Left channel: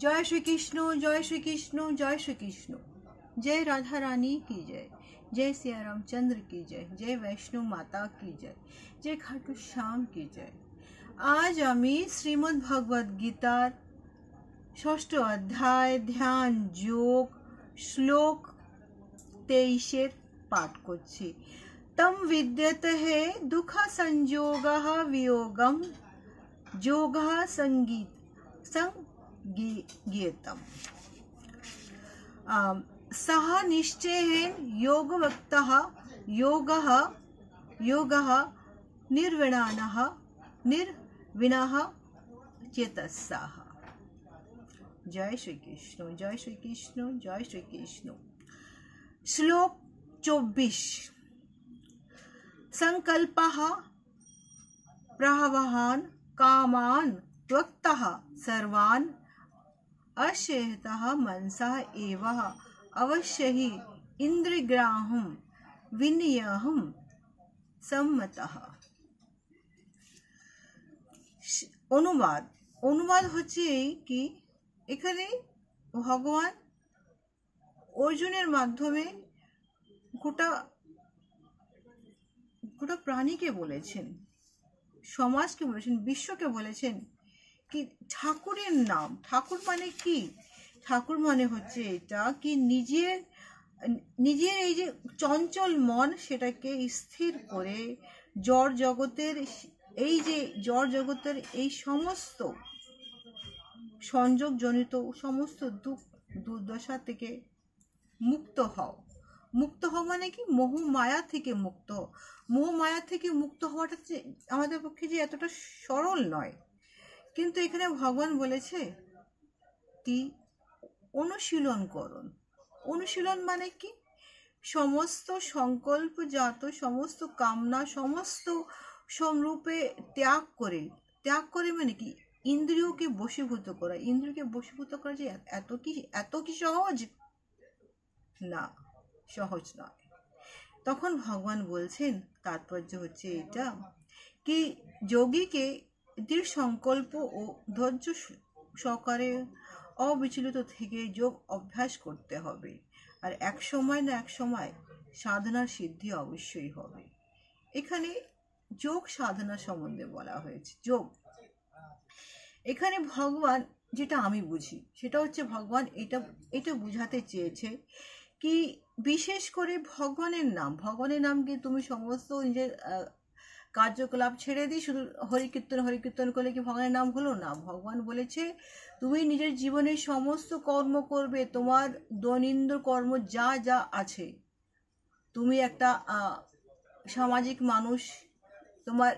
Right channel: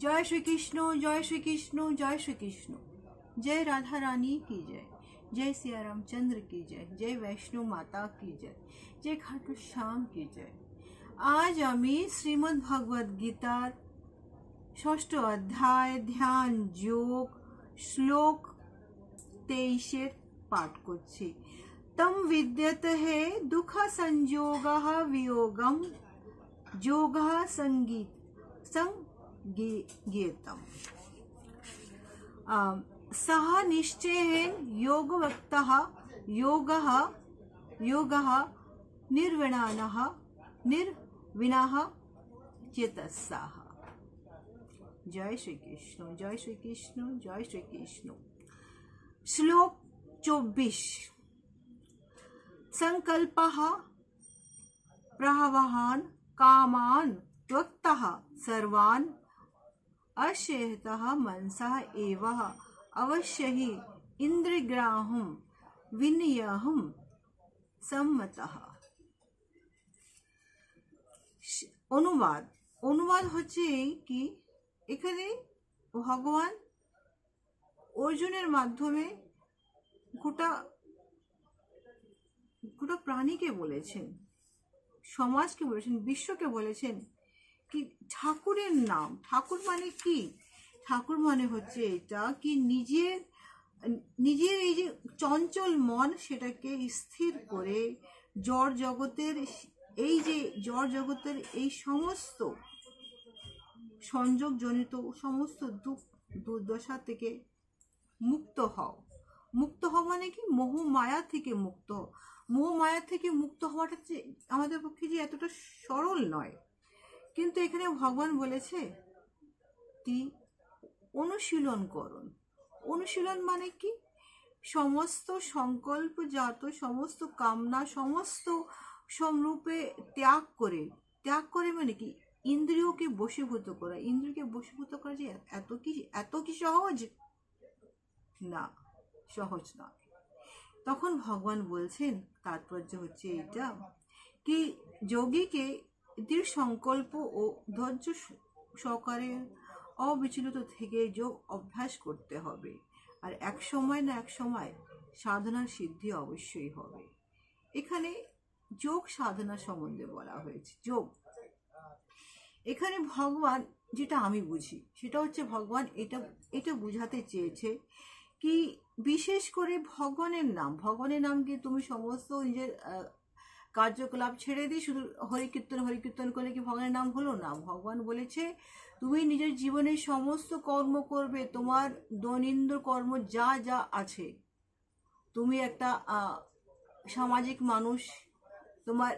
जय श्री कृष्ण, जय श्री कृष्ण, जय श्री कृष्ण। जय राधा रानी की जय, जय सिया रामचंद्र की जय, जय वैष्णो माता की जय, जय खाटू श्याम की जय। आज आमी श्रीमद् भगवद गीतार षष्ठ अध्याय ध्यान योग श्लोक 23 पाठ करছি। तम विद्यते दुख संयोगः वियोगम योगः संगीतम सह निश्चयेन योगवक्तः योगः निर्विणः चेतसः। जय श्री कृष्ण, जय श्री कृष्ण, जय श्री कृष्ण। श्लोक 24। संकल्पः प्रहवहान कामान त्वक्तः सर्वान् अशेहतः मनसः एव अवश्य ही इंद्रियग्राह्यं विनियहं सम्मतः। অনুবাদ হচ্ছে কি, এখানে ভগবান অর্জুনের মাধ্যমে গোটা প্রাণীকে বলেছেন, সমাজকে বলেছেন, বিশ্বকে বলেছেন কি ঠাকুরের নাম। ঠাকুর মানে কি? ঠাকুর মানে হচ্ছে এটা কি নিজের এই যে চঞ্চল মন সেটাকে স্থির করে জড় জগতের এই সমস্ত সংযোগজনিত সমস্ত দুর্দশা থেকে মুক্ত হও। মুক্ত হওয়া মানে কি? মোহ মায়া থেকে মুক্ত হও। মোহ মায়া থেকে মুক্ত হওয়াটা আমাদের পক্ষে যে এতটা সরল নয়, কিন্তু এখানে ভগবান বলেছে কি অনুশীলন করুন। অনুশীলন মানে কি? সমস্ত সংকল্পজাত সমস্ত কামনা সমস্ত সমরূপে ত্যাগ করে মানে কি ইন্দ্রিয়কে বশীভূত করা। ইন্দ্রিয়কে বশীভূত করা যে এত কি সহজ? না, সহজ নয়। তখন ভগবান বলছেন তাৎপর্য হচ্ছে এটা কি যোগীকে দৃঢ় সংকল্প ও ধৈর্য সহকারে অবিচলিত থেকে যোগ অভ্যাস করতে হবে। আর এক সময় না এক সময় সাধনার সিদ্ধি অবশ্যই হবে। এখানে যোগ সাধনা সম্বন্ধে বলা হয়েছে। যোগ এখানে ভগবান যেটা আমি বুঝি সেটা হচ্ছে ভগবান এটা বুঝাতে চেয়েছে কি বিশেষ করে ভগবানের নামকে তুমি সমস্ত নিজের কার্যকলাপ ছেড়ে দিয়ে শুধু হরিকীর্তন করলে কি ভগবানের নাম হলো না? ভগবান বলেছে তুমি নিজের জীবনের সমস্ত কর্ম করবে, তোমার দৈনন্দিন কর্ম যা যা আছে, তুমি একটা সামাজিক মানুষ, তোমার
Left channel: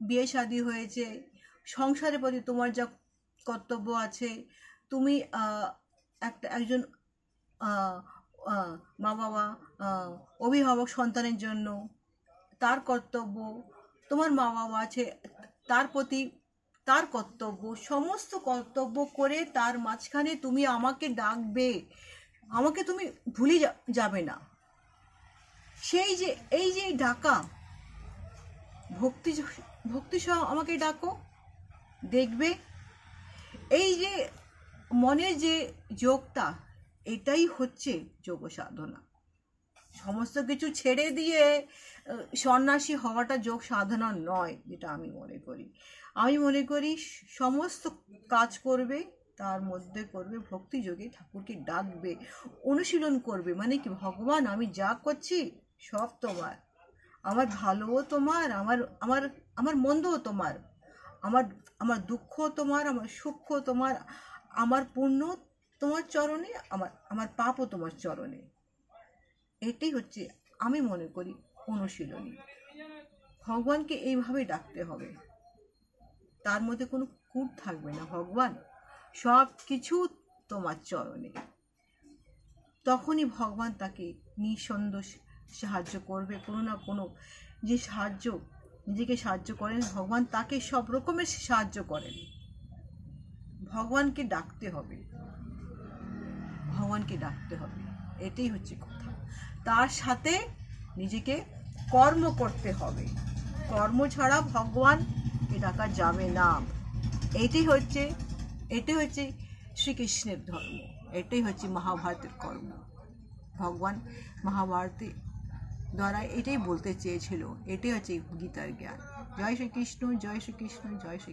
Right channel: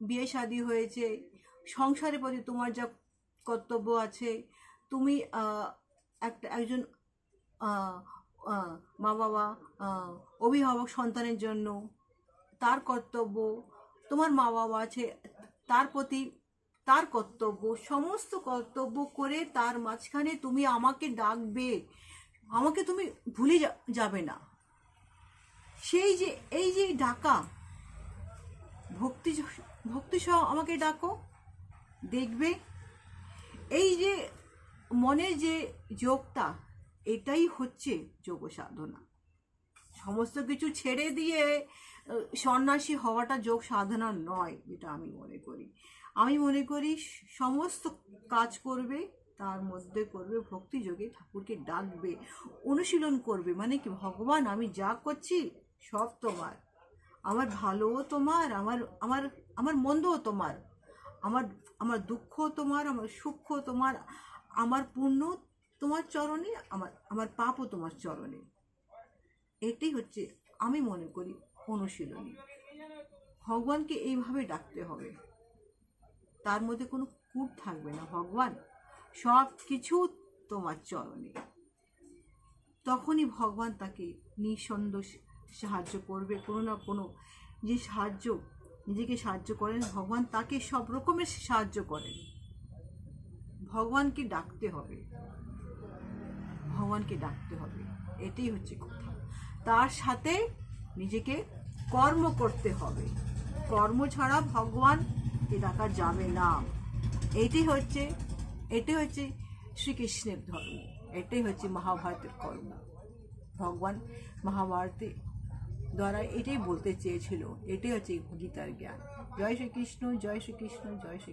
বিয়ে শাদী হয়েছে, সংসারের প্রতি তোমার যা কর্তব্য আছে, তুমি একজন মা বাবা অভিভাবক সন্তানের জন্য তার কর্তব্য, তোমার মা বাবা আছে তার প্রতি তার কর্তব্য, সমস্ত কর্তব্য করে তার মাঝখানে তুমি আমাকে ডাকবে, আমাকে তুমি ভুলে যাবে না। এই যে ডাকা ভক্তি সহ আমাকে ডাকো, দেখবে এই যে মনের যে যোগটা, এটাই হচ্ছে যোগ সাধনা। সমস্ত কিছু ছেড়ে দিয়ে সন্ন্যাসী হওয়াটা যোগ সাধনা নয়, যেটা আমি মনে করি সমস্ত কাজ করবে, তার মধ্যে করবে ভক্তি যোগে, ঠাকুরকে ডাকবে, অনুশীলন করবে। মানে কি ভগবান আমি যা করছি সব তোমার, আমার ভালোও তোমার, আমার মন্দও তোমার, আমার দুঃখ তোমার, আমার সুখ তোমার, আমার পুণ্য তোমার চরণে, আমার পাপও তোমার চরণে। এটাই হচ্ছে আমি মনে করি অনুশীলনী। ভগবানকে এইভাবে ডাকতে হবে, তার মধ্যে কোনো কূট থাকবে না। ভগবান সব কিছু তোমার চরণে, তখনই ভগবান তাকে নিঃসন্দেহ সাহায্য করবে। কোনো না কোনো যে নিজেকে সাহায্য করেন ভগবান, তাকে সব রকমের সাহায্য করেন। ভগবানকে ডাকতে হবে, এটাই হচ্ছে কথা। তার সাথে নিজেকে কর্ম করতে হবে, কর্ম ছাড়া ভগবানকে ডাকা যাবে না। এটাই হচ্ছে শ্রীকৃষ্ণের ধর্ম। এটাই হচ্ছে মহাভারতের কর্ম। ভগবান মহাভারতে দ্বারা এটাই বলতে চেয়েছিল, এটাই হচ্ছে গীতার জ্ঞান। জয় শ্রীকৃষ্ণ, জয় শ্রীকৃষ্ণ, জয় শ্রী